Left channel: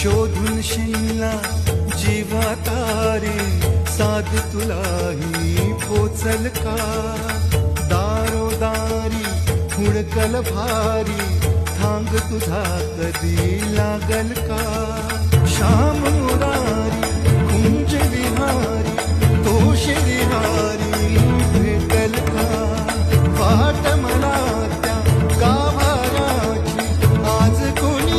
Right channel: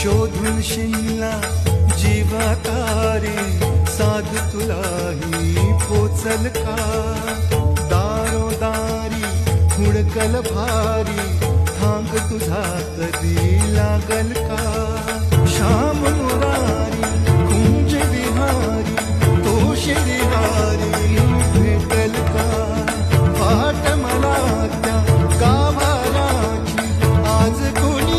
शोधून शिनला जीवा तारे साध तुलाही पोचल का दारोदारी हुडकल भारी थांग तुझा कधी लागल का श्याम मुरारी कुंज विहारी तो श्रीहारी भेटल का वाट मला त्या गाभाराची आज कोणी